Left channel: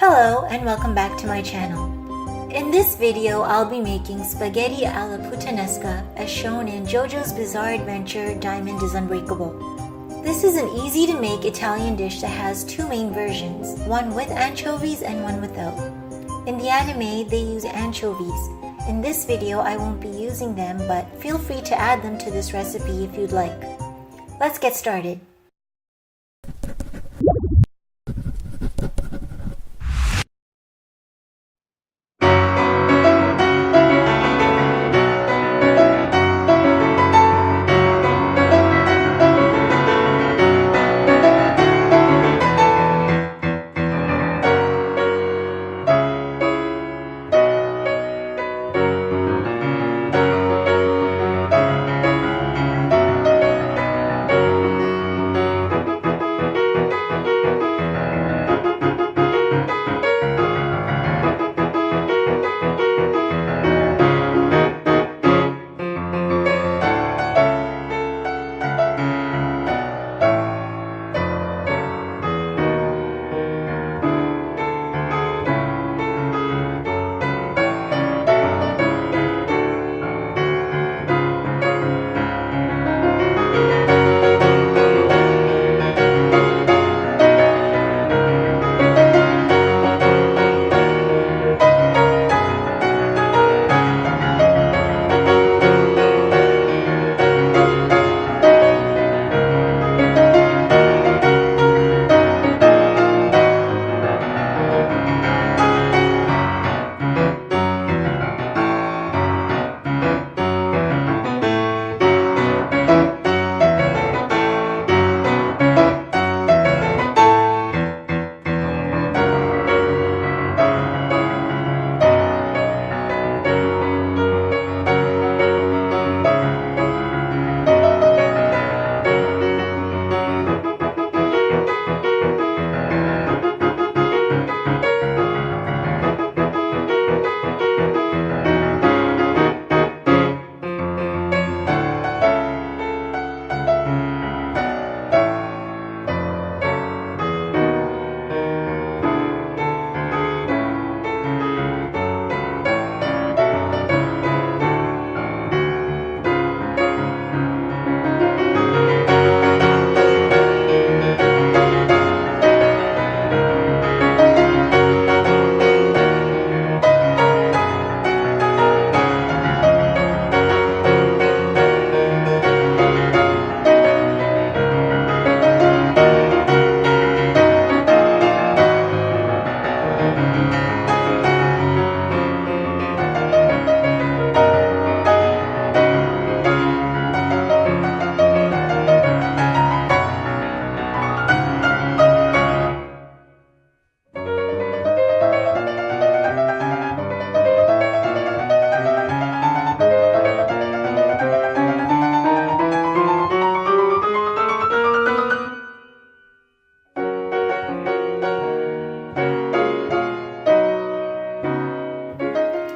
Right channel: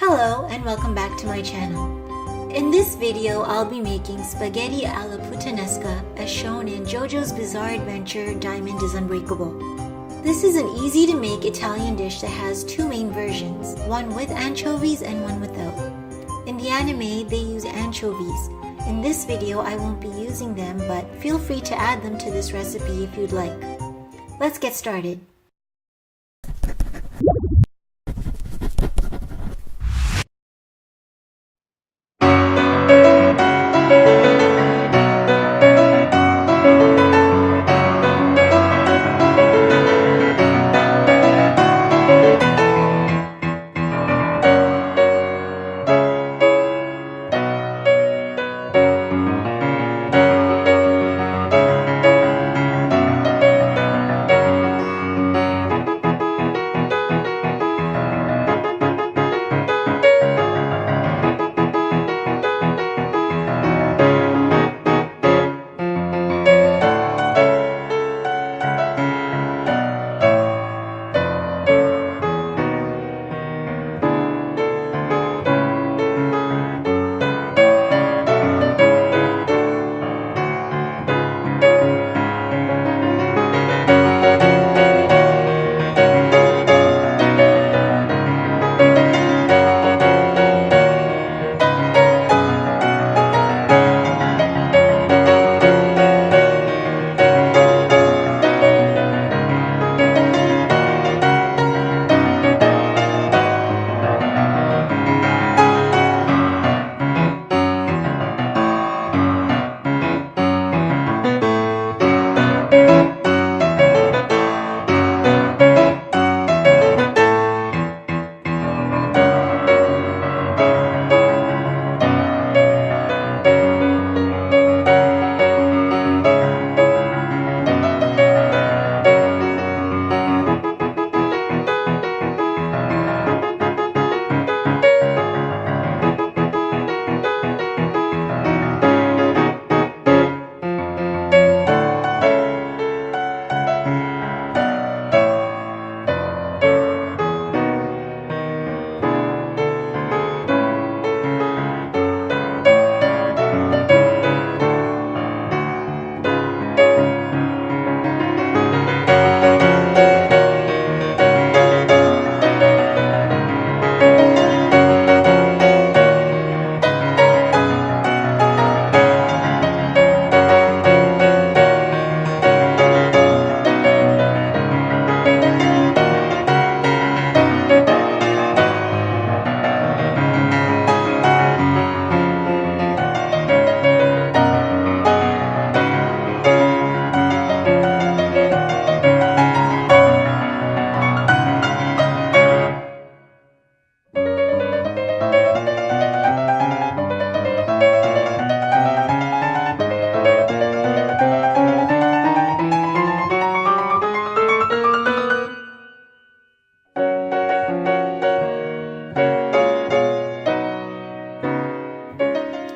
Hello and welcome back to my channel. In this video, I'll be making spaghetti alla Puttanesca as shown in JoJo's Bizarre Adventure Diamond is Unbreakable. This is an easy to make Italian dish that has two main versions, one with anchovies and one without. In the anime, they use anchovies. In this video, I won't be using them, but feel free to add them to this recipe if you'd like. Let's get started.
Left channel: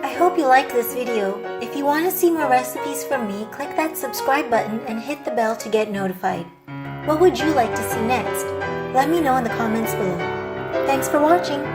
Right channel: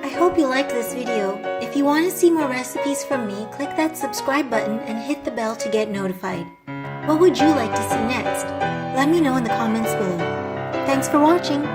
I hope you liked this video. If you want to see more recipes from me, click that subscribe button and hit the bell to get notified. What would you like to see next? Let me know in the comments below. Thanks for watching!